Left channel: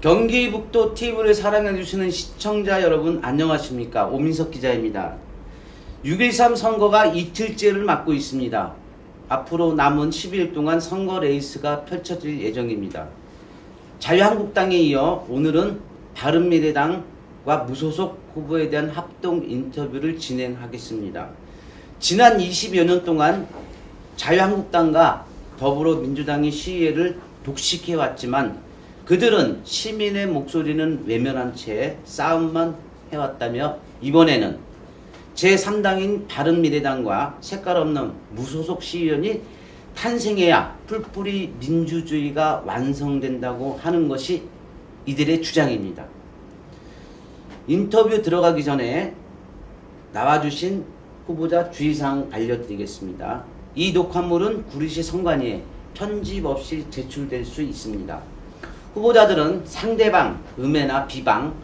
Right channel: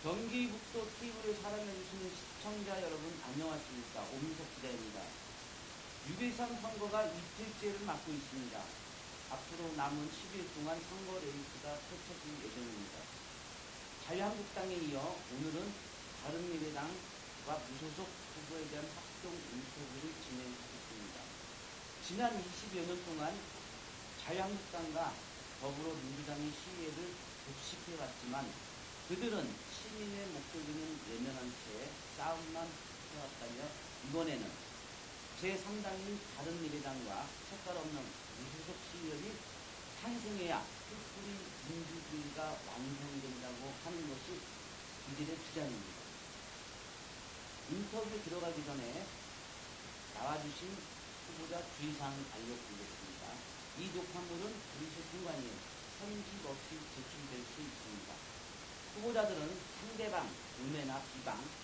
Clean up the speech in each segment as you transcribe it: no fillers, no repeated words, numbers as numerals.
경기북도 TV를 사랑해주시는 시청자 여러분 안녕하십니까. 오민석 기자입니다. 6.13 선거가 이틀째를 맞고 있습니다. 앞으로 남은 10일 동안 선거 레이스가 펼쳐질 예정입니다. 자유한국당에 이어 오늘은 바른미래당과 무소속 후보에 대한 합동 인터뷰를 진행하겠습니다. 지난 20여 년 동안 자유한국당과 더불어민주당이 시위를 독식해왔지만 그들은 시민의 목소리는 외면한 채 싸움만 해왔다며 이번에는 제3당인 바른미래당과 색깔 없는 무소속 시의원이 탄생해야 풀뿌리 민주주의가 완성된다고 하는 것이 이들의 주장입니다. 인터뷰 들어가기 전에 나와주신 후보자 주의사항 알려드리겠습니다. 이 녹화물은 구리시 선관위에 편집 없이 제출될 수 있습니다. 후보자들은 상대방 음해나 비방,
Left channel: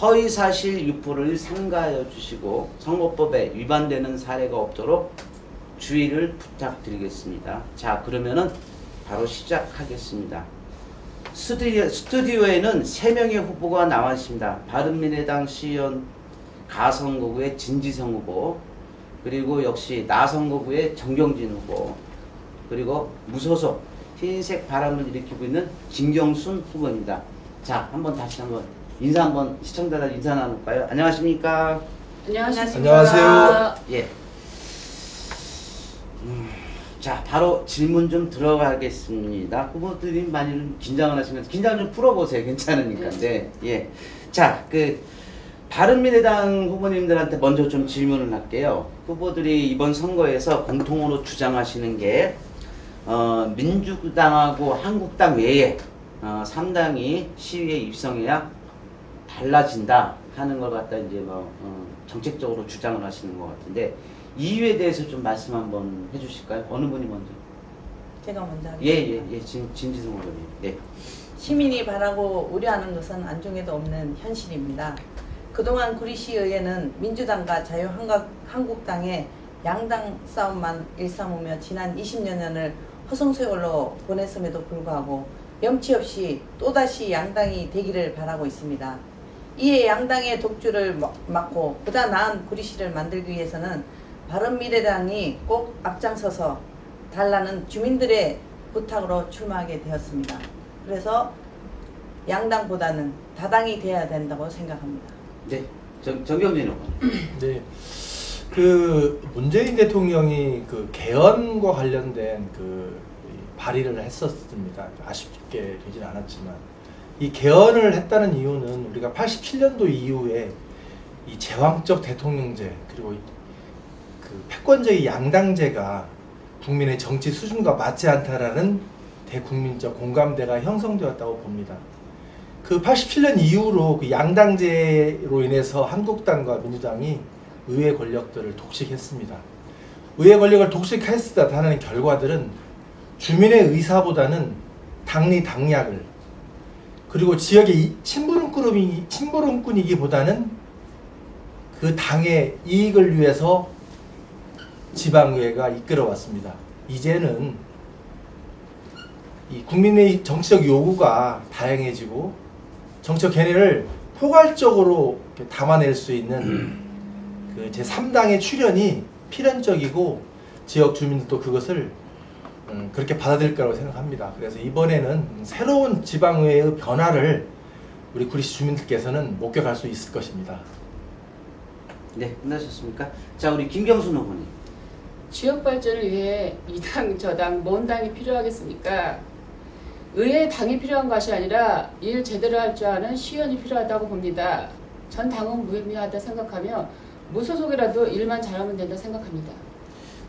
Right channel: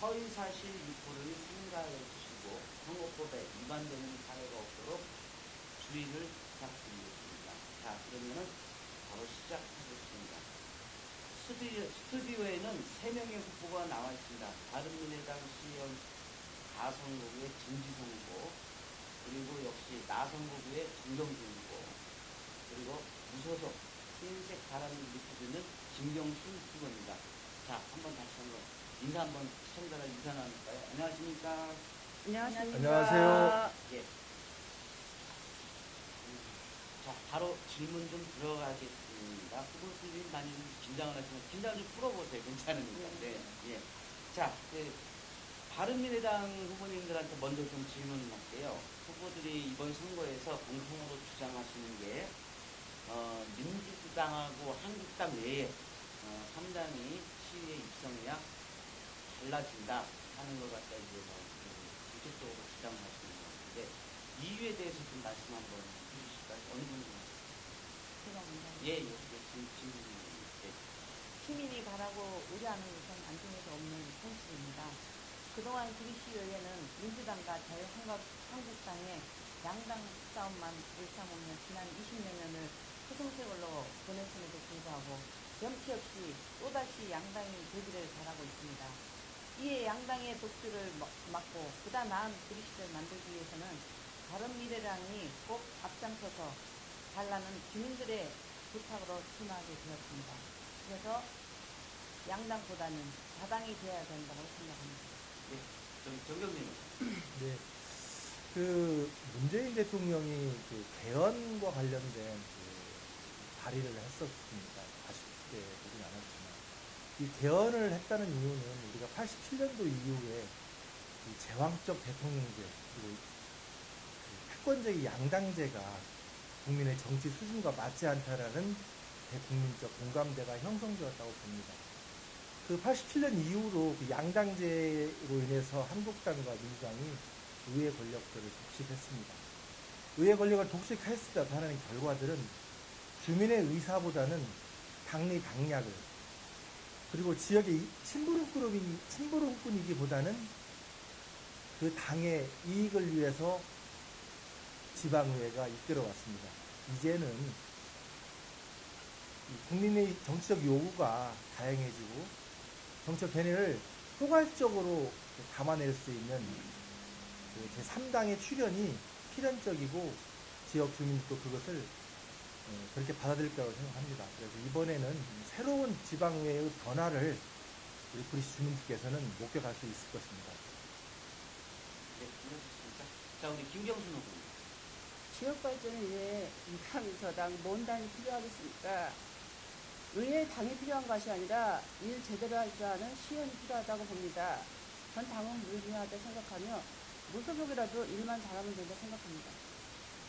허위사실 유포를 삼가해 주시고 선거법에 위반되는 사례가 없도록 주의를 부탁드리겠습니다. 자, 그러면은 바로 시작하겠습니다. 스튜디오에는 3명의 후보가 나와 있습니다. 바른미래당 시의원 가선거구의 진지성 후보, 그리고 역시 나선거구의 정경진 후보, 그리고 무소속 흰색 바람을 일으키고 있는 김경순 후보입니다. 자, 다시 한번 시청자들 인사 나눌까요? 안녕하십니까? 안녕하세요. 예. 자, 바로 질문 좀 들어가겠습니다. 후보들이 많이 좀 긴장을 하시면서 긴장 좀 풀어보세요. 괜찮으니까. 네. 예. 자, 바른미래당 후보님들한테 먼저 좀 질문을 할게요. 후보들이 이번 선거에서 공통으로 주장하시는 게 민주당하고 한국당 외에 3당이 시위에 입성해야 달라진다 하는 걸 갖다 이제 정책적으로 주장을 하시는 것 같은데 이유에 대해서 좀 말씀 한번 해주실까요? 어느 분이 먼저? 제가 먼저 하겠습니다. 예. 진지성 의원님. 예. 시민이 바라고 우려하는 것은 안중에도 없는 현실입니다. 그동안 구리시의회는 민주당과 자유한국당의 양당 싸움만 일삼으며 지난 20여 년을 허송세월로 보냈음에도 불구하고 염치 없이 또다시 양당이 되기를 바라고 있습니다. 이에 양당의 독주를 막고 보다 나은 구리시를 만들기 위해서는 바른미래당이 꼭 앞장서서 달라는 주민들의 부탁으로 출마하게 되었습니다. 그래서 양당보다는 다당이 되어야 된다고 생각합니다. 네, 정경진 후보. 네, 문재인 대통령이 개헌과 관련된 발의를 했었습니다. 아쉽게 되진 않았지만 이 개헌을 했다는 이유는 우리가 87년도 이후에 이 제왕적 대통령제 그리고 패권적인 양당제가 국민의 정치 수준과 맞지 않다라는 대국민적 공감대가 형성되었다고 봅니다. 87년 이후로 양당제로 인해서 한국당과 민주당이 의회 권력들을 독식했습니다. 의회 권력을 독식했다는 결과들은 주민의 의사보다는 당리 당략을 그리고 지역의 심부름꾼이기보다는 그 당의 이익을 위해서 지방의회가 이끌어왔습니다. 이제는 이 국민의 정치적 요구가 다양해지고 정치적 견해를 포괄적으로 담아낼 수 있는 제3당의 출현이 필연적이고 지역 주민들도 그것을 그렇게 받아들일 거라고 생각합니다. 그래서 이번에는 새로운 지방의회의 변화를 우리 구리시 주민들께서는 목격할 수 있을 것입니다. 네, 끝나셨습니까? 자, 우리 김경순 후보님. 지역 발전을 위해 이 당, 저 당, 뭔 당이 필요하겠습니까? 의회 당이 필요한 것이 아니라 일 제대로 할 줄 아는 시의원이 필요하다고 봅니다. 전 당은 무의미하다 생각하며 무소속이라도 일만 잘하면 된다 생각합니다.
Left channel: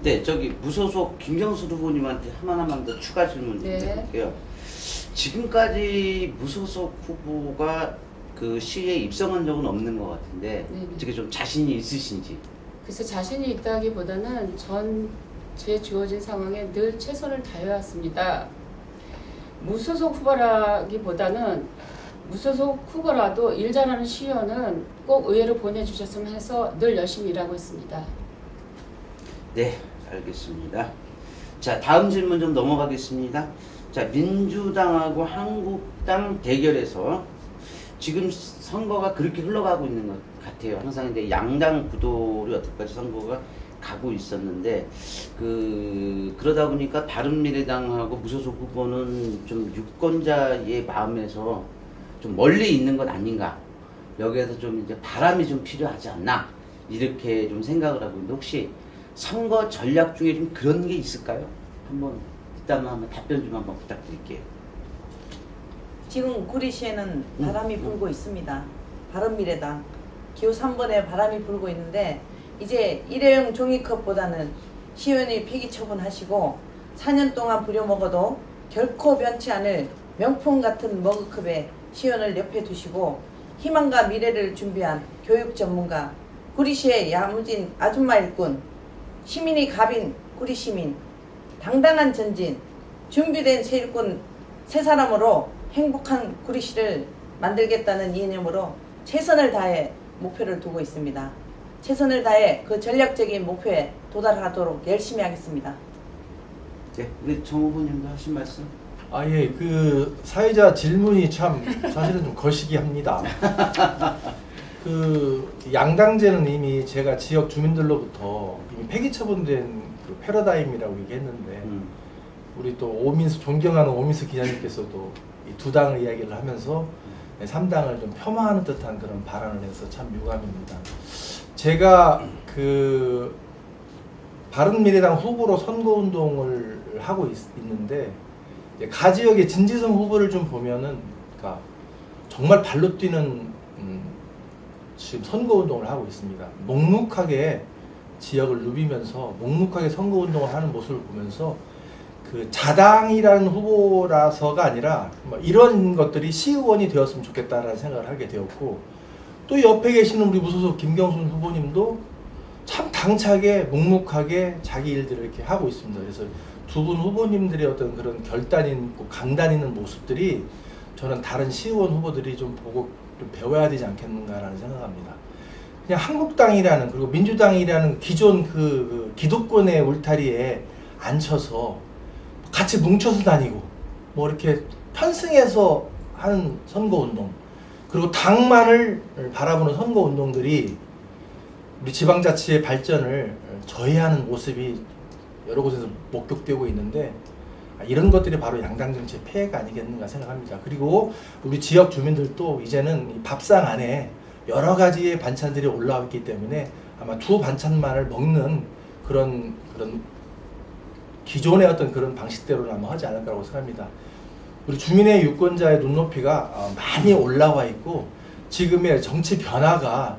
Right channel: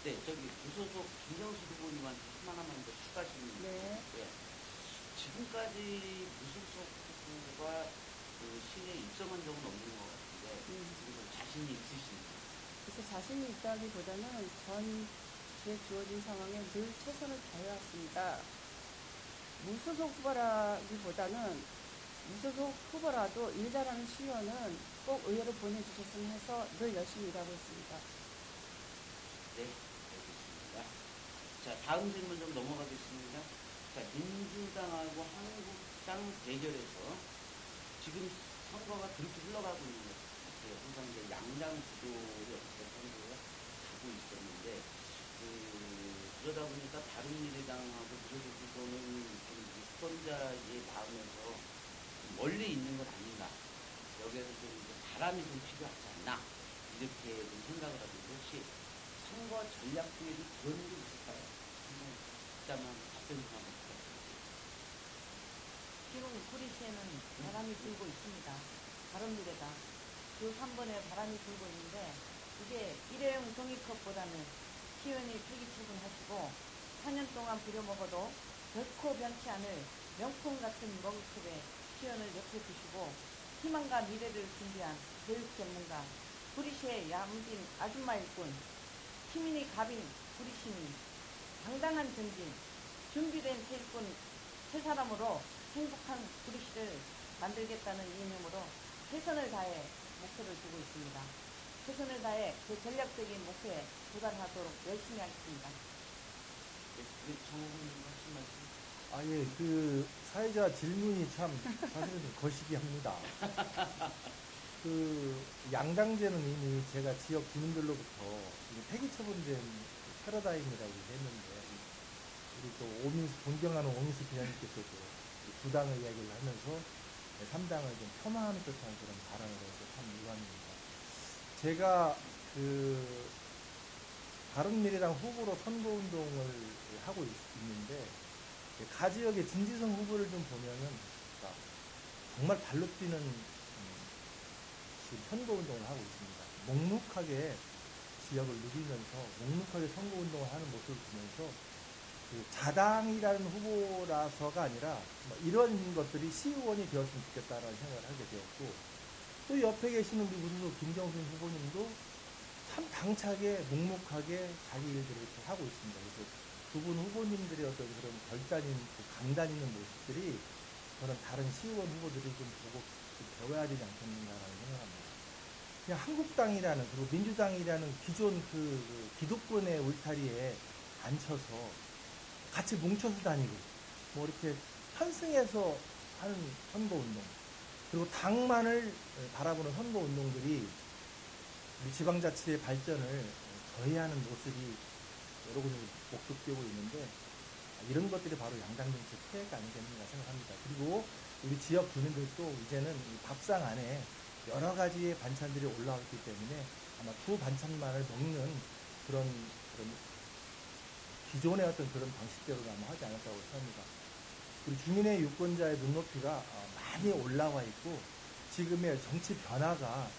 네, 무소속 김경수 후보님한테 하나만 더 추가 질문 드릴게요. 네. 지금까지 무소속 후보가 시위에 입성한 적은 없는 것 같은데 어떻게 좀 자신이 있으신지? 그래서 자신이 있다기보다는 제 주어진 상황에 늘 최선을 다해왔습니다. 무소속 후보라기보다는 무소속 후보라도 일 잘하는 시의원은 꼭 의회로 보내주셨으면 해서 늘 열심히 일하고 있습니다. 네, 알겠습니다. 자, 다음 질문 좀 넘어가겠습니다. 자, 민주당하고 한국당 대결에서 지금 선거가 그렇게 흘러가고 있는 것 같아요. 항상 이제 양당 구도로 여태까지 선거가 가고 있었는데 그러다 보니까 바른미래당하고 무소속 후보는 좀 유권자의 마음에서 좀 멀리 있는 것 아닌가. 여기에서 좀 이제 바람이 좀 필요하지 않나 이렇게 좀 생각을 하고 있는데 혹시 선거 전략 중에 좀 그런 게 있을까요? 한번 일단 한번 답변 좀 한번 부탁드릴게요. 지금 구리시에는 바람이 불고 있습니다. 바른미래당 기호 3번에 바람이 불고 있는데 이제 일회용 종이컵보다는 시의원이 폐기 처분하시고 4년 동안 부려먹어도 결코 변치 않을 명품 같은 머그컵에 시의원을 옆에 두시고 희망과 미래를 준비한 교육 전문가, 구리시의 야무진 아줌마 일꾼, 시민이 갑인 구리시민, 당당한 전진, 준비된 새 일꾼 세 사람으로 행복한 구리시를 만들겠다는 이념으로 최선을 다해 목표를 두고 있습니다. 최선을 다해 그 전략적인 목표에 도달하도록 열심히 하겠습니다. 네, 우리 정 후보님도 하신 말씀. 예, 그 사회자 질문이 참 사실은 좀 거시기합니다. 그 양당제는 이미 제가 지역 주민들로부터 이미 폐기 처분된 그 패러다임이라고 얘기했는데 우리 또 오민수 존경하는 오민수 기자님께서도 이 두 당의 이야기를 하면서 3당을 좀 폄하하는 듯한 그런 발언을 해서 참 유감입니다. 제가 그 바른미래당 후보로 선거운동을 하고 있는데 가 지역의 진지성 후보를 좀 보면은 그러니까 정말 발로 뛰는 지금 선거운동을 하고 있습니다. 묵묵하게 지역을 누비면서 묵묵하게 선거운동을 하는 모습을 보면서 그 자당이라는 후보라서가 아니라 뭐 이런 것들이 시의원이 되었으면 좋겠다라는 생각을 하게 되었고 또 옆에 계시는 우리 무소속 김경순 후보님도 참 당차게 묵묵하게 자기 일들을 이렇게 하고 있습니다. 그래서 두 분 후보님들의 어떤 그런 결단 있고 강단 있는 모습들이 저는 다른 시의원 후보들이 좀 보고 좀 배워야 되지 않겠는가라는 생각합니다. 그냥 한국당이라는 그리고 민주당이라는 기존 그 기득권의 울타리에 앉혀서 같이 뭉쳐서 다니고 뭐 이렇게 편승해서 하는 선거운동 그리고 당만을 바라보는 선거운동들이 우리 지방자치의 발전을 저해하는 모습이 여러 곳에서 목격되고 있는데 이런 것들이 바로 양당정치의 폐해가 아니겠는가 생각합니다. 그리고 우리 지역 주민들도 이제는 밥상 안에 여러 가지의 반찬들이 올라왔기 때문에 아마 두 반찬만을 먹는 그런 기존의 어떤 그런 방식대로는 아마 하지 않을 거라고 생각합니다. 우리 주민의 유권자의 눈높이가 많이 올라와 있고 지금의 정치 변화가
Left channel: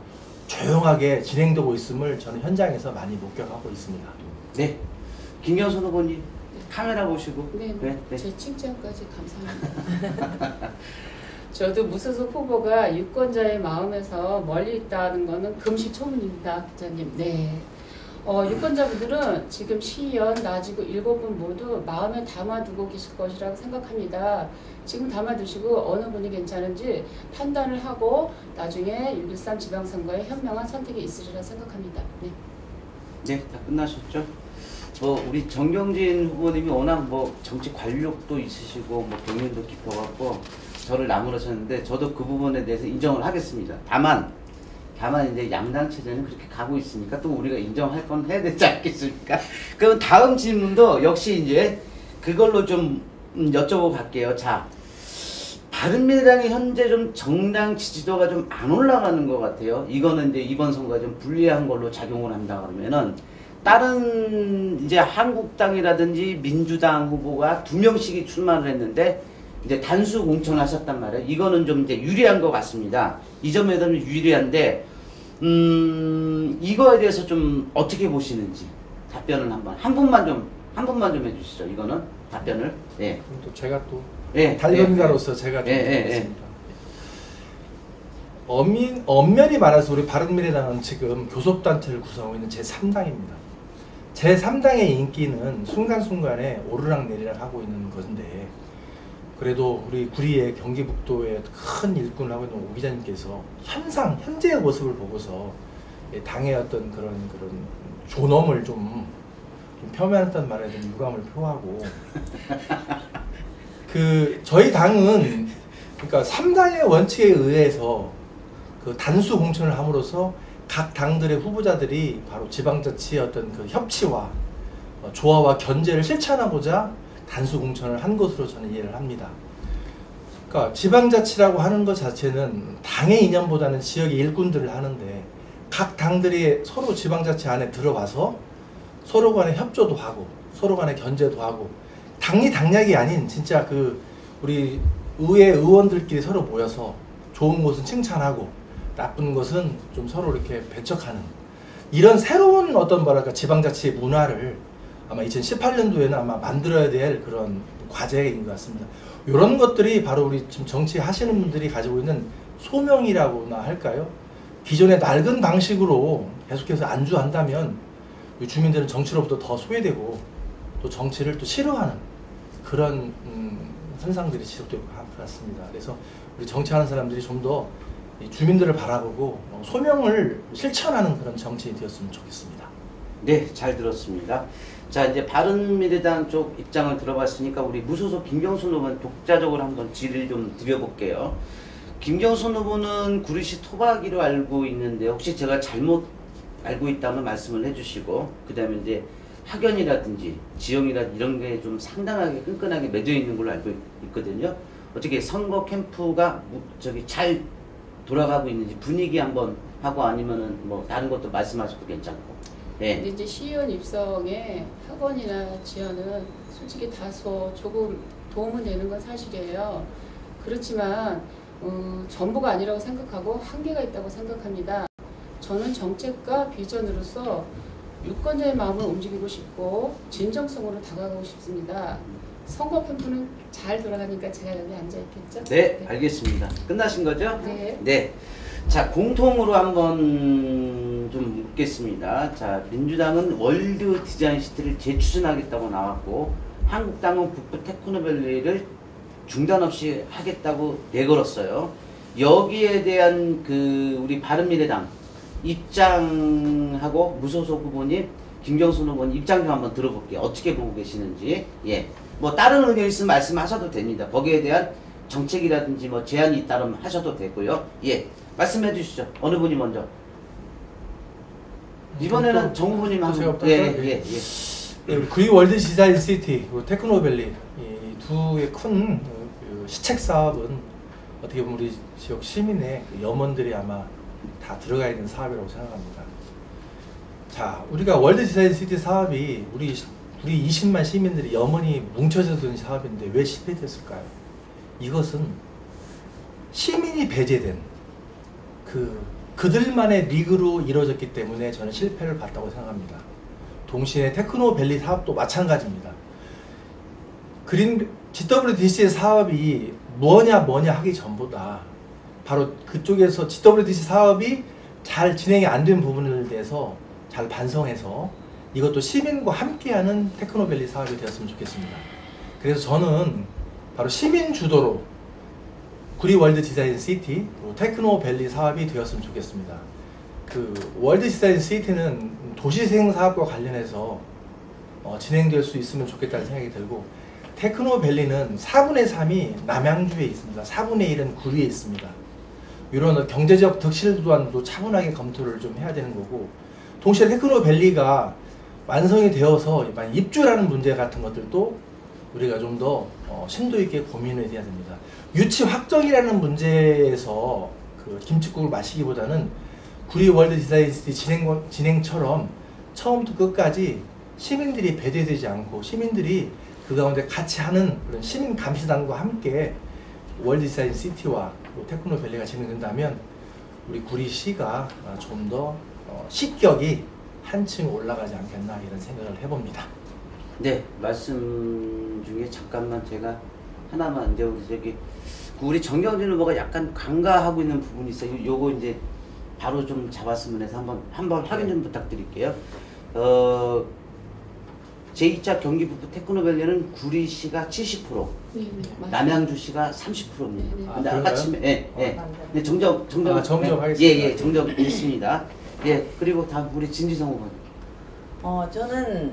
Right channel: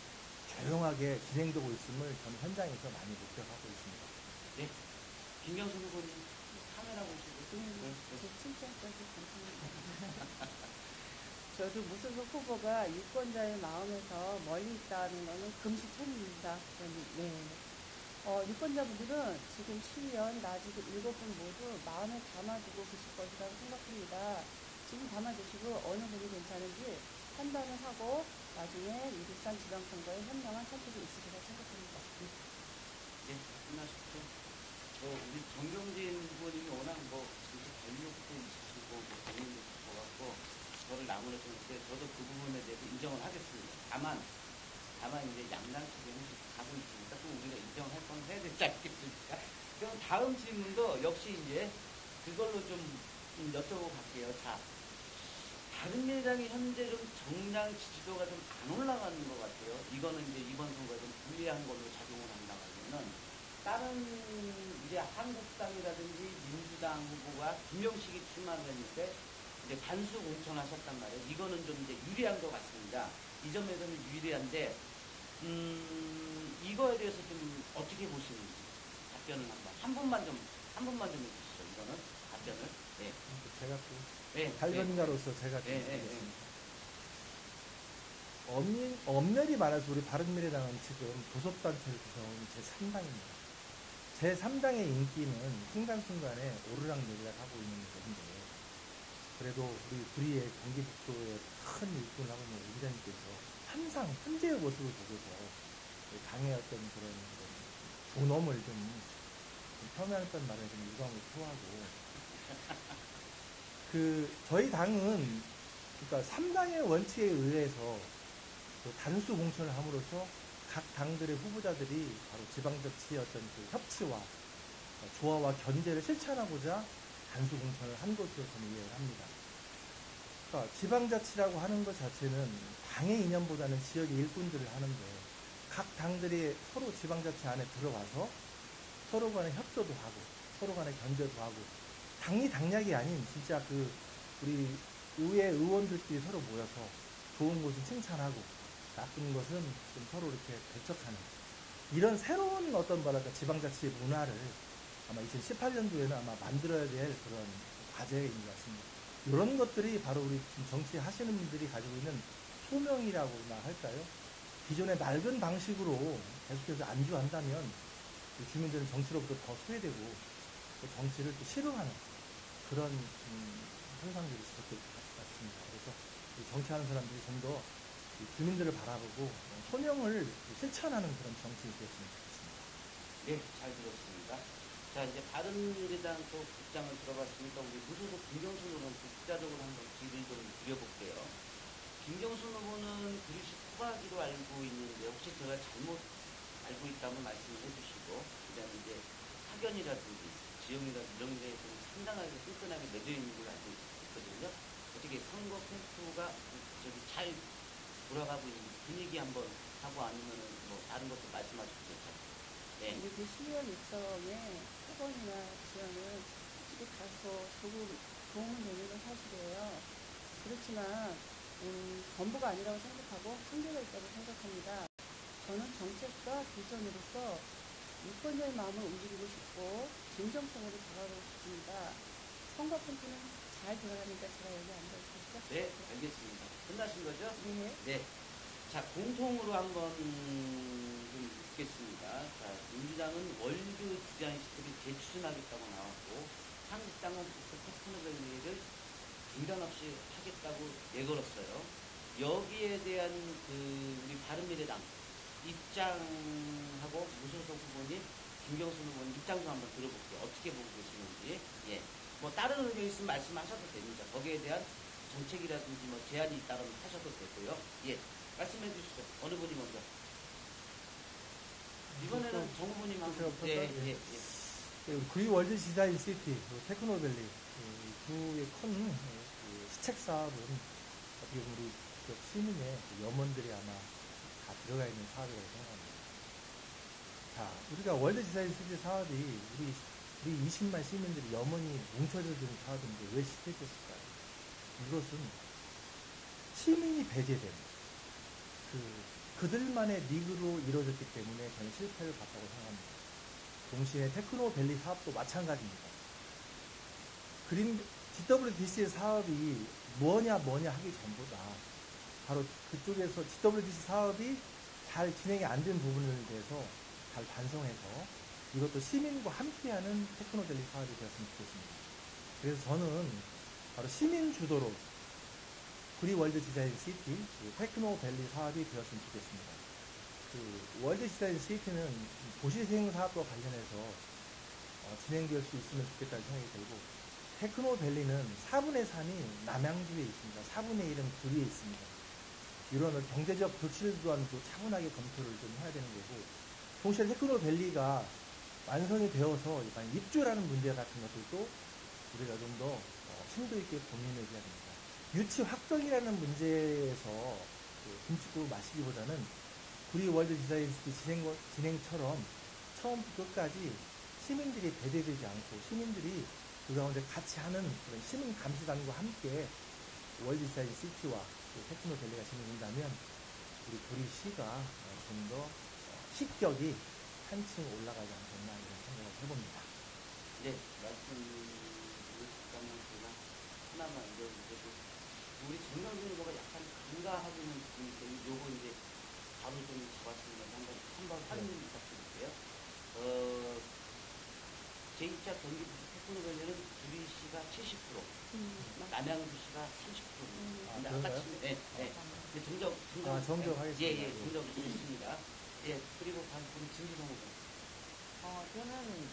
조용하게 진행되고 있음을 저는 현장에서 많이 목격하고 있습니다. 네, 김경순 후보님 카메라 보시고. 네. 제 칭찬까지 감사합니다. 저도 무소속 후보가 유권자의 마음에서 멀리 있다는 것은 금시초문입니다, 기자님. 네. 유권자분들은 지금 시의원, 나지구 7분 모두 마음에 담아두고 계실 것이라고 생각합니다. 지금 담아두시고 어느 분이 괜찮은지 판단을 하고 나중에 1.13 지방선거에 현명한 선택이 있으리라 생각합니다. 네, 다 끝나셨죠? 우리 정경진 후보님이 워낙 정치 관력도 있으시고 경륜도 깊어갖고 저를 나무라셨는데 저도 그 부분에 대해서 인정을 하겠습니다. 다만 이제 양당 체제는 그렇게 가고 있으니까 또 우리가 인정할 건 해야 되지 않겠습니까? 그럼 다음 질문도 역시 이제 그걸로 좀 여쭤보고 갈게요. 자, 바른미래당이 현재 좀 정당 지지도가 좀 안 올라가는 것 같아요. 이거는 이제 이번 선거가 좀 불리한 걸로 작용을 한다 그러면은 다른 이제 한국당이라든지 민주당 후보가 2명씩이 출마를 했는데 이제 단수 공천하셨단 말이에요. 이거는 좀 이제 유리한 것 같습니다. 이 점에서는 유리한데 이거에 대해서 좀 어떻게 보시는지 답변을 한 분만 좀 해주시죠. 이거는 답변을. 네. 또 제가 또 네. 달변가로서 제가 좀 하겠습니다. 엄연히 말해서 우리 바른미래당은 지금 교섭단체를 구성하고 있는 제3당입니다. 제3당의 인기는 순간순간에 오르락내리락 하고 있는 것인데 그래도 우리 구리의 경기북도의 큰 일꾼을 하고 있는 오 기자님께서 현재의 모습을 보고서 당의 어떤 그런 존엄을 좀 폄훼했다는 말에 좀 유감을 표하고 저희 당은 그러니까 3당의 원칙에 의해서 그 단수 공천을 함으로써 각 당들의 후보자들이 바로 지방자치의 어떤 그 협치와 조화와 견제를 실천하고자 단수 공천을 한 것으로 저는 이해를 합니다. 그러니까 지방자치라고 하는 것 자체는 당의 이념보다는 지역의 일꾼들을 하는데 각 당들이 서로 지방자치 안에 들어가서 서로 간에 협조도 하고 서로 간에 견제도 하고 당리 당략이 아닌 진짜 우리 의회 의원들끼리 서로 모여서 좋은 것은 칭찬하고 나쁜 것은 좀 서로 이렇게 배척하는 이런 새로운 어떤 뭐랄까 지방자치의 문화를 아마 2018년도에는 아마 만들어야 될 그런 과제인 것 같습니다. 이런 것들이 바로 우리 지금 정치하시는 분들이 가지고 있는 소명이라고나 할까요? 기존의 낡은 방식으로 계속해서 안주한다면 주민들은 정치로부터 더 소외되고 또 정치를 또 싫어하는 그런 현상들이 지속될 것 같습니다. 그래서 우리 정치하는 사람들이 좀 더 주민들을 바라보고 소명을 실천하는 그런 정치인이 되었으면 좋겠습니다. 네, 잘 들었습니다. 자, 이제 바른미래당 쪽 입장을 들어봤으니까 우리 무소속 김경순 후보는 독자적으로 한번 질의를 좀 드려볼게요. 김경순 후보는 구리시 토박이로 알고 있는데 혹시 제가 잘못 알고 있다면 말씀을 해주시고 그 다음에 이제 학연이라든지 지형이라든지 이런 게 좀 상당하게 끈끈하게 맺어 있는 걸로 알고 있거든요. 어떻게 선거 캠프가 잘 돌아가고 있는지 분위기 한번 하고 아니면은 뭐 다른 것도 말씀하셔도 괜찮고. 네. 근데 이제 시의원 입성에 학원이나 지원은 솔직히 다소 조금 도움은 되는 건 사실이에요. 그렇지만 전부가 아니라고 생각하고 한계가 있다고 생각합니다. 저는 정책과 비전으로서 유권자의 마음을 움직이고 싶고 진정성으로 다가가고 싶습니다. 선거 캠프는 잘 돌아가니까 제가 여기 앉아있겠죠? 네, 알겠습니다. 끝나신 거죠? 네. 네. 자, 공통으로 한번 좀 묻겠습니다. 자, 민주당은 월드 디자인 시티를 재추진하겠다고 나왔고, 한국당은 북부 테크노밸리를 중단 없이 하겠다고 내걸었어요. 여기에 대한 우리 바른미래당 입장하고 무소속 후보님, 김경순 후보님 입장 좀 한번 들어볼게요. 어떻게 보고 계시는지. 예. 뭐 다른 의견 있으면 말씀하셔도 됩니다. 거기에 대한 정책이라든지 뭐 제안이 있다면 하셔도 되고요. 예. 말씀해 주시죠. 어느 분이 먼저? 이번에는 정 후보님 한번. 예. 구리 월드 디자인 시티, 테크노밸리 이 두의 큰 시책 사업은 어떻게 보면 우리 지역 시민의 염원들이 아마 다 들어가 있는 사업이라고 생각합니다. 자, 우리가 월드 디자인 시티 사업이 우리 20만 시민들이 염원이 뭉쳐져 든 사업인데 왜 실패됐을까요? 이것은 시민이 배제된 그들만의 리그로 이루어졌기 때문에 저는 실패를 봤다고 생각합니다. 동시에 테크노밸리 사업도 마찬가지입니다. GWDC의 사업이 뭐냐 하기 전보다 바로 그쪽에서 GWDC 사업이 잘 진행이 안 된 부분에 대해서 잘 반성해서 이것도 시민과 함께하는 테크노밸리 사업이 되었으면 좋겠습니다. 그래서 저는 바로 시민 주도로 구리 월드 디자인 시티 테크노밸리 사업이 되었으면 좋겠습니다. 월드 디자인 시티는 도시생 사업과 관련해서 진행될 수 있으면 좋겠다는 생각이 들고, 테크노밸리는 4분의 3이 남양주에 있습니다. 4분의 1은 구리에 있습니다. 이런 경제적 득실 또한도 차분하게 검토를 좀 해야 되는 거고, 동시에 테크노밸리가 완성이 되어서 입주라는 문제 같은 것들도 우리가 좀 더 심도 있게 고민을 해야 됩니다. 유치 확정이라는 문제에서 김칫국을 마시기보다는 구리 월드 디자인 시티 진행처럼 처음부터 끝까지 시민들이 배제되지 않고 시민들이 그 가운데 같이 하는 그런 시민 감시단과 함께 월드 디자인 시티와 테크노밸리가 진행된다면 우리 구리시가 좀 더 식격이 한층 올라가지 않겠나 이런 생각을 해봅니다. 네, 말씀 중에 잠깐만 제가 하나만 이제 우리 정경진 후보가 약간 간과하고 있는 부분이 있어요. 요거 이제 바로 좀 잡았으면 해서 한번 확인 좀 부탁드릴게요. 제2차 경기북부 테크노밸리는 구리시가 70%, 맞아요. 남양주시가 30%입니다. 근데 아까 그런가요? 침 네, 정정 정정하겠습니다. 예, 정정했습니다. 예, 그리고 다음 우리 진지성 후보님. 저는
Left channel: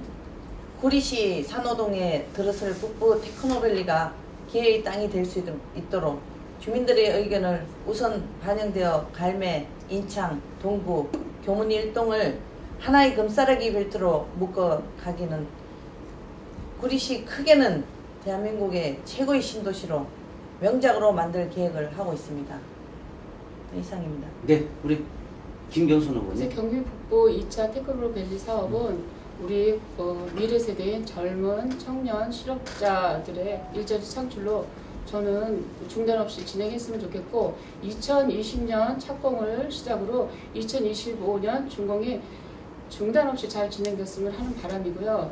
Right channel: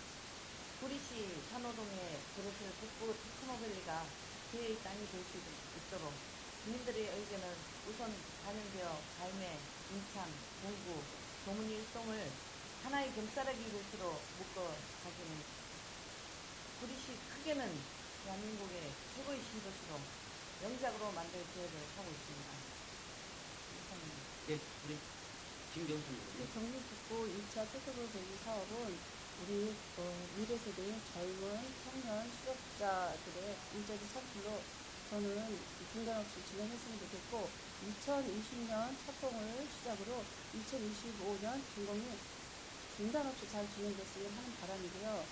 구리시 산호동에 들어설 북부 테크노밸리가 기회의 땅이 될 수 있도록 주민들의 의견을 우선 반영되어 갈매, 인창, 동구, 교문 일동을 하나의 금싸라기 벨트로 묶어가기는 구리시 크게는 대한민국의 최고의 신도시로 명작으로 만들 계획을 하고 있습니다. 이상입니다. 네, 우리 김경순 이제 후보님. 경기 북부 2차 테크노밸리 사업은 우리 미래 세대인 젊은 청년 실업자들의 일자리 창출로 저는 중단 없이 진행했으면 좋겠고 2020년 착공을 시작으로 2025년 준공이 중단 없이 잘 진행됐으면 하는 바람이고요.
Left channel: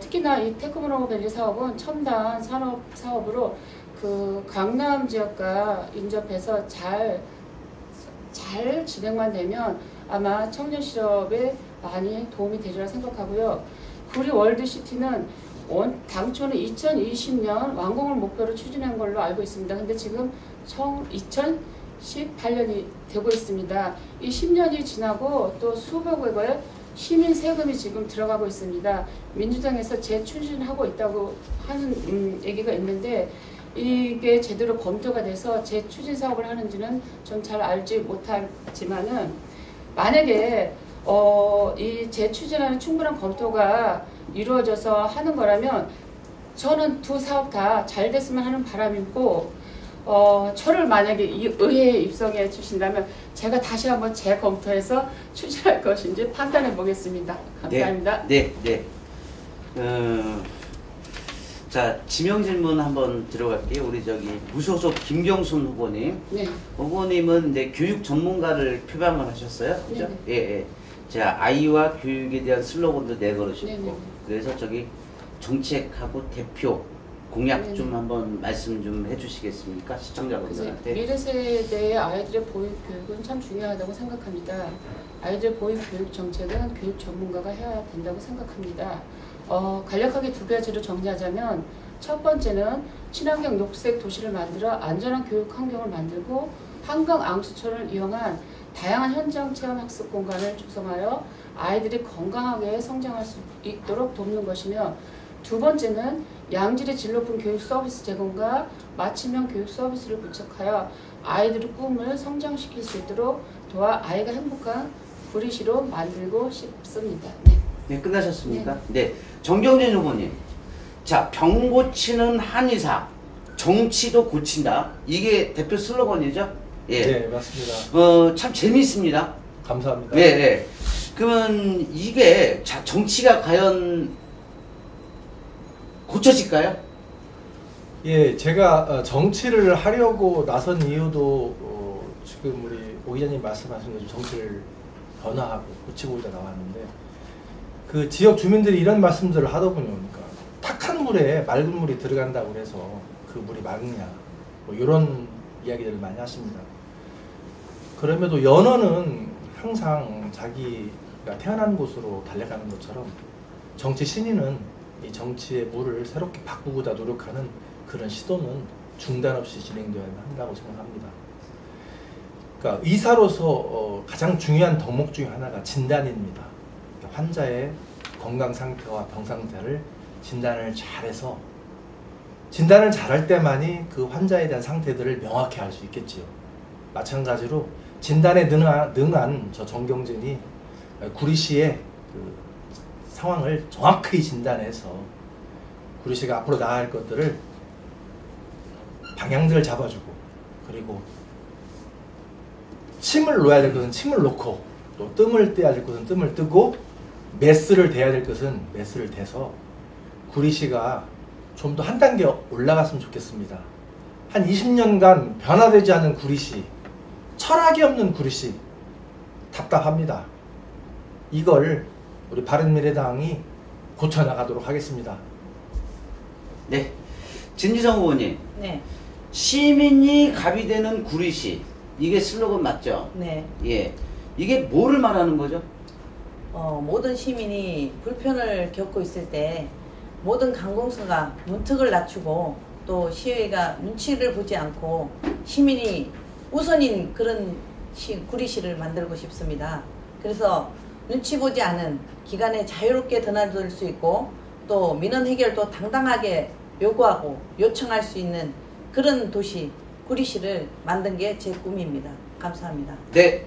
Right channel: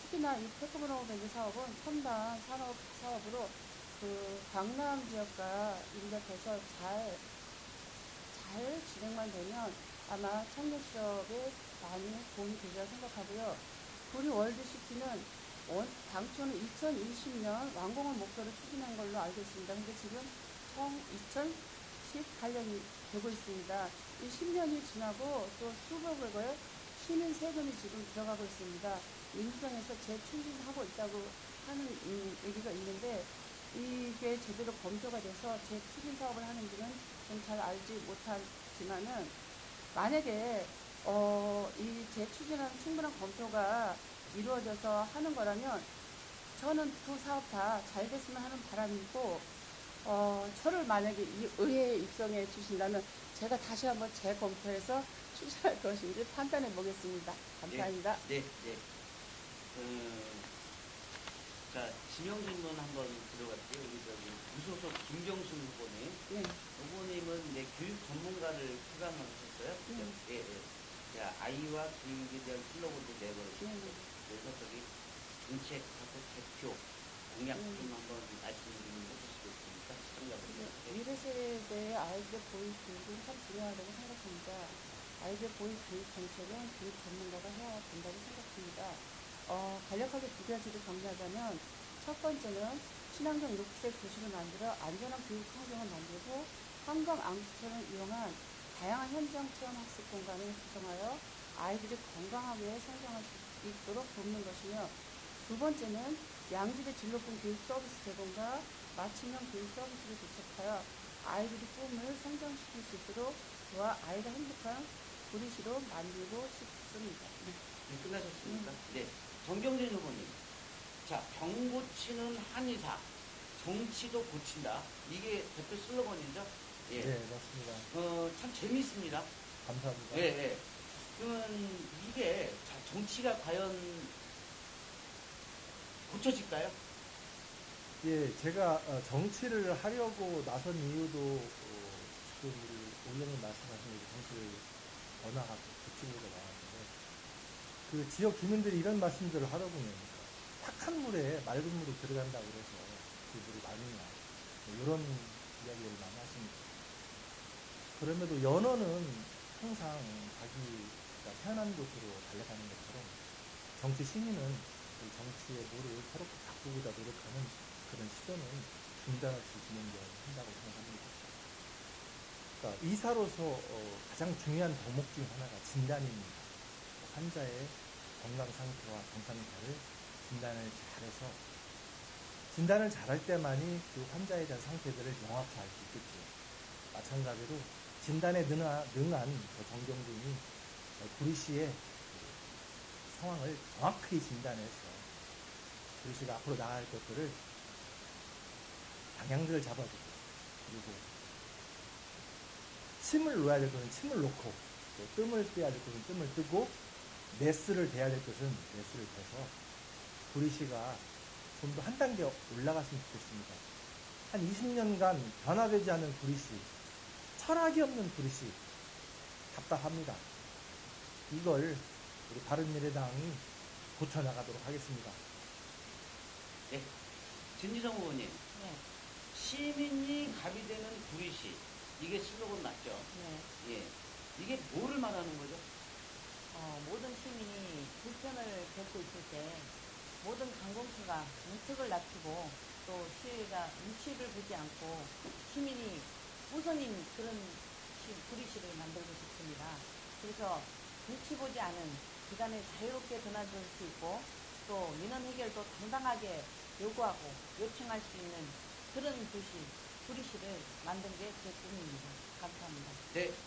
특히나 이 테크노밸리 사업은 첨단 산업 사업으로 그 강남 지역과 인접해서 잘 진행만 되면 아마 청년 실업에 많이 도움이 되리라 생각하고요. 구리 월드시티는 당초는 2020년 완공을 목표로 추진한 걸로 알고 있습니다. 근데 지금 2018년이 되고 있습니다. 이 10년이 지나고 또 수백억의 시민 세금이 지금 들어가고 있습니다. 민주당에서 재추진하고 있다고 하는 얘기가 있는데 이게 제대로 검토가 돼서 재추진 사업을 하는지는 전 잘 알지 못하지만은 만약에 이 재추진하는 충분한 검토가 이루어져서 하는 거라면 저는 두 사업 다 잘 됐으면 하는 바람이고 저를 만약에 이 의회에 입성해 주신다면 제가 다시 한번 재검토해서 추진할 것인지 판단해 보겠습니다. 감사합니다. 네. 자, 지명 질문 한번 들어갈게요. 우리 무소속 김경순 후보님. 네. 후보님은 이제 교육 전문가를 표방을 하셨어요. 그죠? 예. 제가 아이와 교육에 대한 슬로건도 내걸으셨고. 네네. 그래서 정책하고 대표 공약 네네. 좀 한번 말씀 좀 해주시겠습니까? 시청자분들한테. 미래 세대의 아이들의 보육 교육은 참 중요하다고 생각합니다. 아이들 보육 교육 정책은 교육 전문가가 해야 된다고 생각합니다. 간략하게 두 가지로 정리하자면 첫 번째는 친환경 녹색 도시를 만들어 안전한 교육 환경을 만들고 한강 앙수초를 이용한 다양한 현장 체험 학습 공간을 조성하여 아이들이 건강하게 성장할 수 있도록 돕는 것이며 두 번째는 양질의 질 높은 교육 서비스 제공과 맞춤형 교육 서비스를 구축하여 아이들의 꿈을 성장시킬 수 있도록 도와 아이가 행복한 구리시로 만들고 싶습니다. 네, 끝나셨습니까? 네. 정경진 후보님. 자, 병 고치는 한의사, 정치도 고친다. 이게 대표 슬로건이죠? 예. 네, 맞습니다. 참 재미있습니다. 감사합니다. 네. 그러면 이게 정치가 과연 고쳐질까요? 예, 제가 정치를 하려고 나선 이유도 지금 우리 오 기자님 말씀하신 대로 정치를 변화하고 고치고자 나왔는데 그 지역 주민들이 이런 말씀들을 하다 보니까 탁한 물에 맑은 물이 들어간다고 해서 그 물이 맑냐 뭐 이런 이야기들을 많이 하십니다. 그럼에도 연어는 항상 자기가 태어난 곳으로 달려가는 것처럼 정치 신인은 이 정치의 물을 새롭게 바꾸고자 노력하는 그런 시도는 중단 없이 진행되어야 한다고 생각합니다. 그러니까 의사로서 가장 중요한 덕목 중에 하나가 진단입니다. 환자의 건강 상태와 병 상태를 진단을 잘해서 진단을 잘할 때만이 그 환자에 대한 상태들을 명확히 알 수 있겠지요. 마찬가지로 진단에 능한 저 정경진이 구리시의 그 상황을 정확히 진단해서 구리시가 앞으로 나아갈 것들을 방향들을 잡아주고 그리고 침을 놓아야 될 것은 침을 놓고 또 뜸을 떼야 될 것은 뜸을 뜨고 메스를 대야 될 것은 메스를 대서 구리시가 좀 더 한 단계 올라갔으면 좋겠습니다. 한 20년간 변화되지 않은 구리시, 철학이 없는 구리시 답답합니다. 이걸 우리 바른미래당이 고쳐나가도록 하겠습니다. 네. 진지성 후보님. 네. 시민이 갑이 되는 구리시. 이게 슬로건 맞죠? 네. 예. 이게 뭐를 말하는 거죠? 모든 시민이 불편을 겪고 있을 때 모든 관공서가 문턱을 낮추고 또 시의회가 눈치를 보지 않고 시민이 우선인 그런 구리시를 만들고 싶습니다. 그래서 눈치 보지 않은 기간에 자유롭게 드나들 수 있고 또 민원 해결도 당당하게 요구하고 요청할 수 있는 그런 도시 구리시를 만든 게 제 꿈입니다. 감사합니다. 네.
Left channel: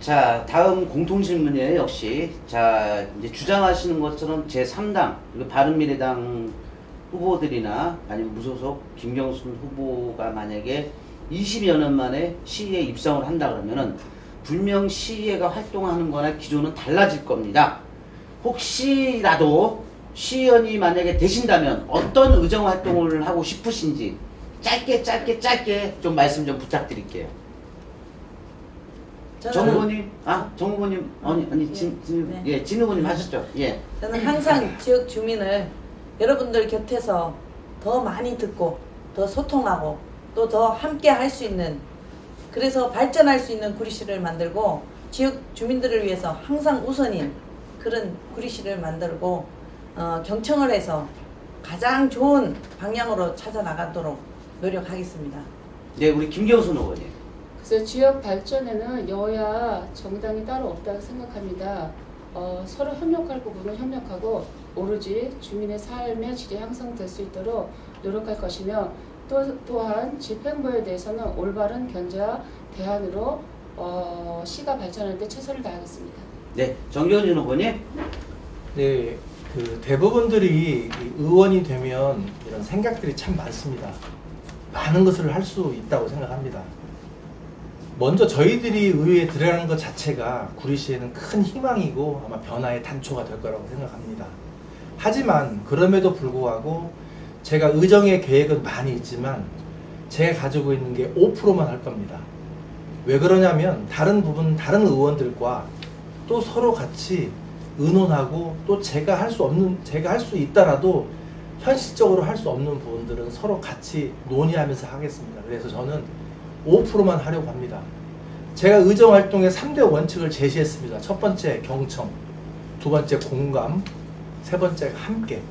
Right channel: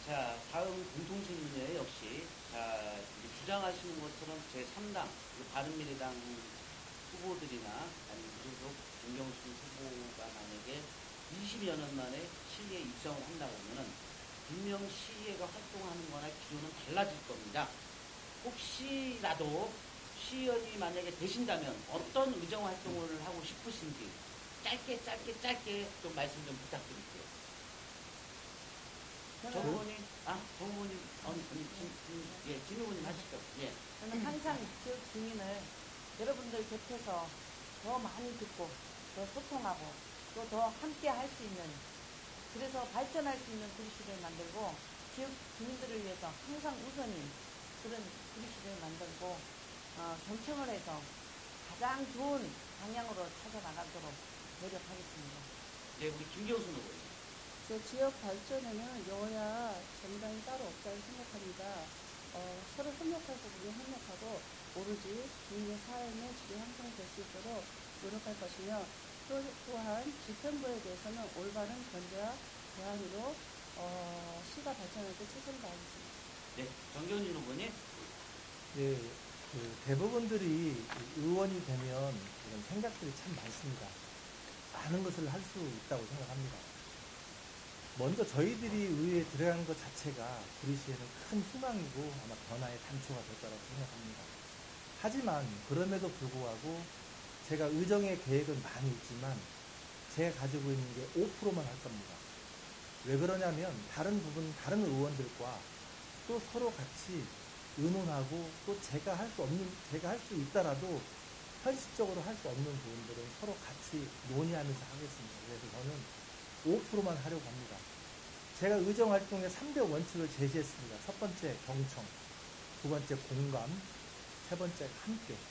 자, 다음 공통질문이에요. 역시 자, 이제 주장하시는 것처럼 제3당 바른미래당 후보들이나 아니면 무소속 김경순 후보가 만약에 20여 년 만에 시의회에 입성을 한다 그러면은 분명 시의회가 활동하는 거나 기조는 달라질 겁니다. 혹시라도 시의원이 만약에 되신다면 어떤 의정 활동을 하고 싶으신지 짧게 좀 말씀 좀 부탁드릴게요. 정 후보님, 정 후보님, 진 후보님 하시죠. 예. 저는 항상 지역 주민을 여러분들 곁에서 더 많이 듣고 더 소통하고 또 더 함께 할 수 있는 그래서 발전할 수 있는 구리시를 만들고 지역 주민들을 위해서 항상 우선인 그런 구리시를 만들고 경청을 해서 가장 좋은 방향으로 찾아나가도록 노력하겠습니다. 네, 우리 김경순 후보님. 그래서 지역 발전에는 여야 정당이 따로 없다고 생각합니다. 서로 협력할 부분은 협력하고 오로지 주민의 삶의 질이 향상될 수 있도록 노력할 것이며 또한 집행부에 대해서는 올바른 견제와 대안으로 시가 발전할 때 최선을 다하겠습니다. 네, 정경진 후보님. 네, 그 대부분들이 의원이 되면 이런 생각들이 참 많습니다. 많은 것을 할 수 있다고 생각합니다. 먼저 저희들이 의회에 들어가는 것 자체가 구리시에는 큰 희망이고 아마 변화의 단초가 될 거라고 생각합니다. 하지만 그럼에도 불구하고 제가 의정의 계획은 많이 있지만 제가 가지고 있는 게 5%만 할 겁니다. 왜 그러냐면 다른 의원들과 또 서로 같이 의논하고 또 제가 할 수 있다라도 현실적으로 할 수 없는 부분들은 서로 같이 논의하면서 하겠습니다. 그래서 저는 5%만 하려고 합니다. 제가 의정활동의 3대 원칙을 제시했습니다. 첫 번째 경청, 두 번째 공감, 세 번째 함께.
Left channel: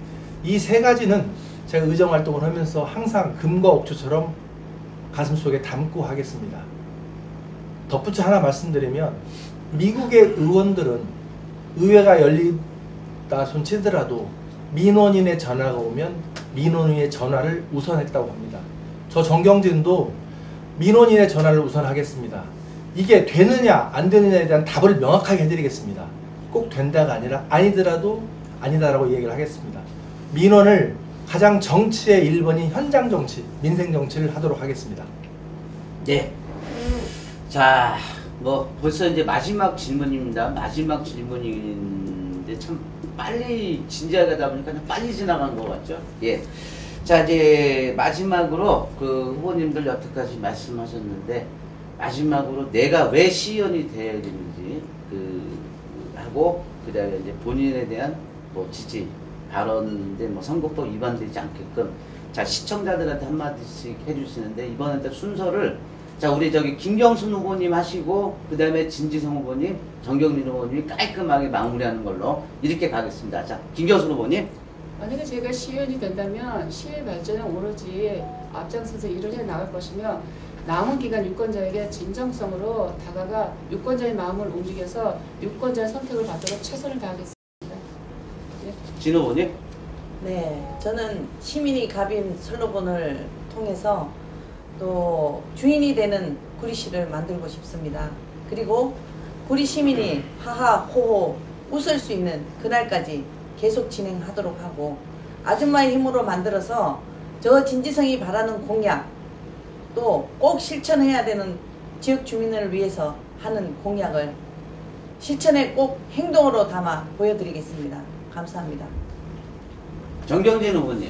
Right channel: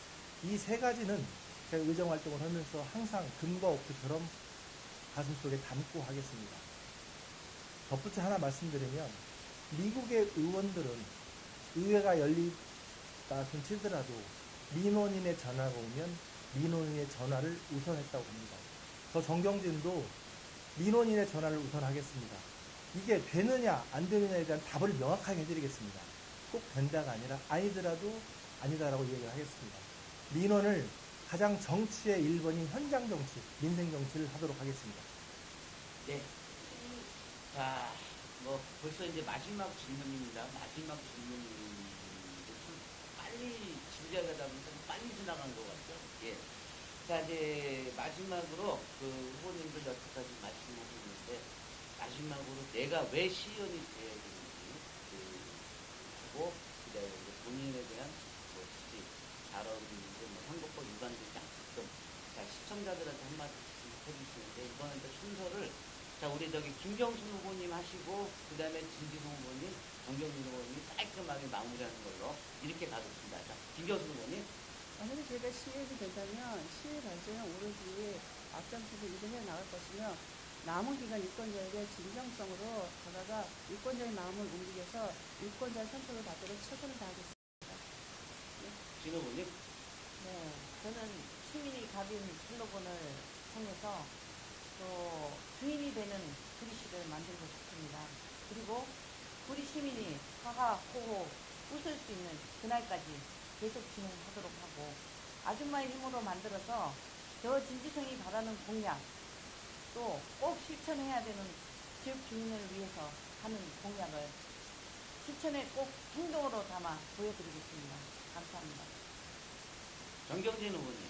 이 세 가지는 제가 의정활동을 하면서 항상 금과 옥조처럼 가슴속에 담고 하겠습니다. 덧붙여 하나 말씀드리면 미국의 의원들은 의회가 열리다 손치더라도 민원인의 전화가 오면 민원인의 전화를 우선했다고 합니다. 저 정경진도 민원인의 전화를 우선하겠습니다. 이게 되느냐 안 되느냐에 대한 답을 명확하게 해드리겠습니다. 꼭 된다가 아니라 아니더라도 아니다라고 얘기를 하겠습니다. 민원을 가장 정치의 1번인 현장 정치, 민생 정치를 하도록 하겠습니다. 네. 자, 뭐 벌써 이제 마지막 질문입니다. 마지막 질문인데 참 빨리 진지하게 하다 보니까 빨리 지나간 것 같죠? 예. 자, 이제 마지막으로 그 후보님들 여태까지 말씀하셨는데 마지막으로 내가 왜 시의원이 돼야 되는지 하고 그다음에 이제 본인에 대한 뭐 지지 발언인데 뭐 선거법 위반되지 않게끔 자 시청자들한테 한마디씩 해주시는데 이번에 순서를 자 우리 저기 김경순 후보님 하시고 그다음에 진지성 후보님, 정경민 후보님이 깔끔하게 마무리하는 걸로 이렇게 가겠습니다. 자 김경순 후보님. 만약에 제가 시의원이 된다면 시의 발전에 오로지 앞장서서 일을 해 나갈 것이며 남은 기간 유권자에게 진정성으로 다가가 유권자의 마음을 움직여서 유권자의 선택을 받도록 최선을 다하겠습니다. 네. 진 후보님. 네, 저는 시민이 갑인 슬로건을 통해서 또 주인이 되는 구리시를 만들고 싶습니다. 그리고 구리 시민이 하하 호호 웃을 수 있는 그날까지 계속 진행하도록 하고 아줌마의 힘으로 만들어서 저 진지성이 바라는 공약 또 꼭 실천해야 되는 지역 주민을 위해서 하는 공약을 실천에 꼭 행동으로 담아 보여드리겠습니다. 감사합니다. 정경진 후보님.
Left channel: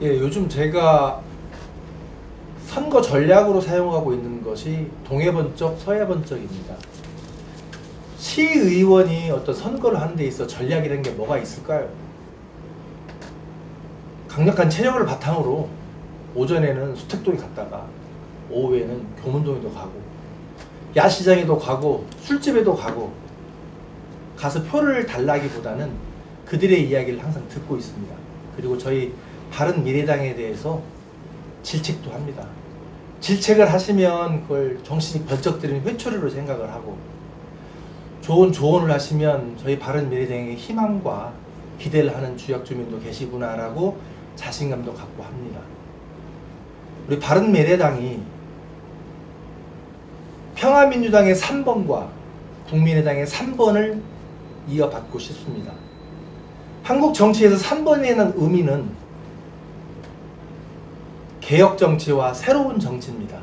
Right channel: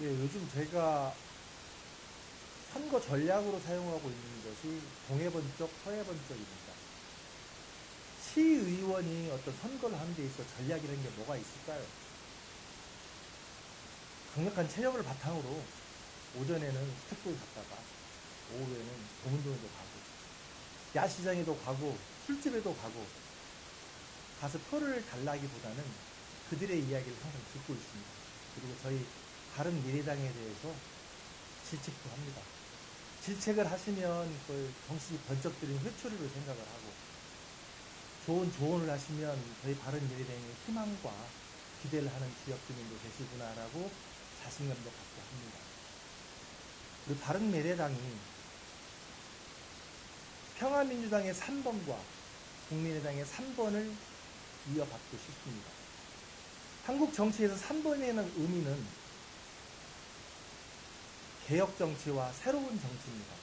예, 요즘 제가 선거 전략으로 사용하고 있는 것이 동해번쩍 서해번쩍입니다. 시의원이 어떤 선거를 하는 데 있어 전략이라는 게 뭐가 있을까요? 강력한 체력을 바탕으로 오전에는 수택동에 갔다가 오후에는 교문동에도 가고 야시장에도 가고 술집에도 가고 가서 표를 달라기보다는 그들의 이야기를 항상 듣고 있습니다. 그리고 저희 바른미래당에 대해서 질책도 합니다. 질책을 하시면 그걸 정신이 번쩍 들이는 회초리로 생각을 하고, 좋은 조언을 하시면 저희 바른미래당에 희망과 기대를 하는 지역주민도 계시구나라고 자신감도 갖고 합니다. 우리 바른미래당이 평화민주당의 3번과 국민의당의 3번을 이어받고 싶습니다. 한국 정치에서 3번이라는 의미는 개혁 정치와 새로운 정치입니다.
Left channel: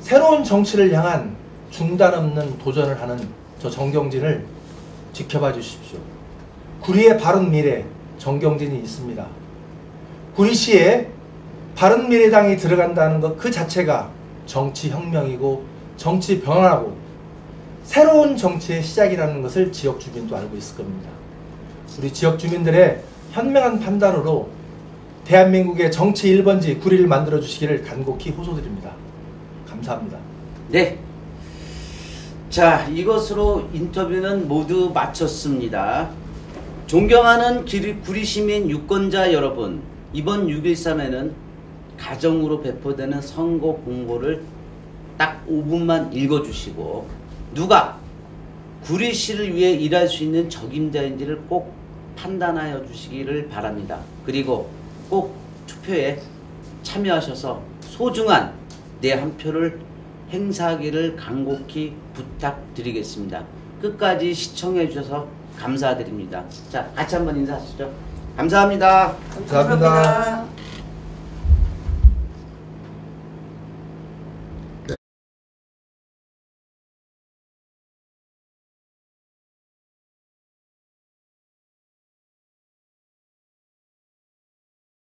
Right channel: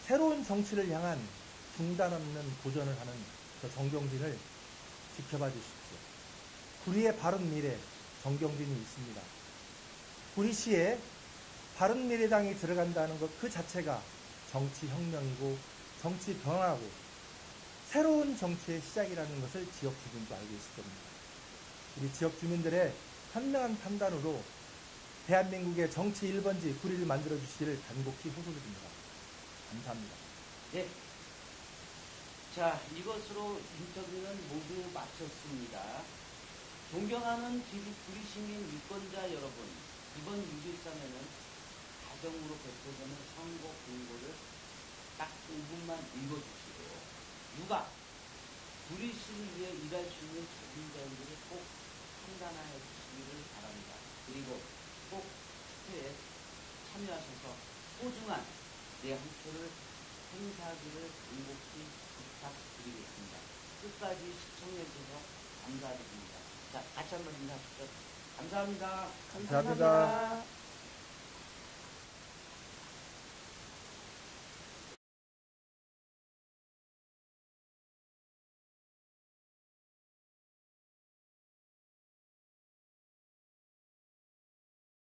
새로운 정치를 향한 중단 없는 도전을 하는 저 정경진을 지켜봐 주십시오. 구리의 바른미래 정경진이 있습니다. 구리시에 바른미래당이 들어간다는 것 그 자체가 정치혁명이고 정치 변화고 새로운 정치의 시작이라는 것을 지역 주민도 알고 있을 겁니다. 우리 지역 주민들의 현명한 판단으로 대한민국의 정치 1번지 구리를 만들어 주시기를 간곡히 호소드립니다. 감사합니다. 네. 자, 이것으로 인터뷰는 모두 마쳤습니다. 존경하는 구리 시민 유권자 여러분, 이번 6.13에는 가정으로 배포되는 선거 공고를 딱 5분만 읽어주시고 누가 구리시를 위해 일할 수 있는 적임자인지를 꼭 판단하여 주시기를 바랍니다. 그리고 꼭 투표에 참여하셔서 소중한 내 한 표를 행사하기를 간곡히 부탁드리겠습니다. 끝까지 시청해 주셔서 감사드립니다. 자, 같이 한번 인사하시죠. 감사합니다. 감사합니다.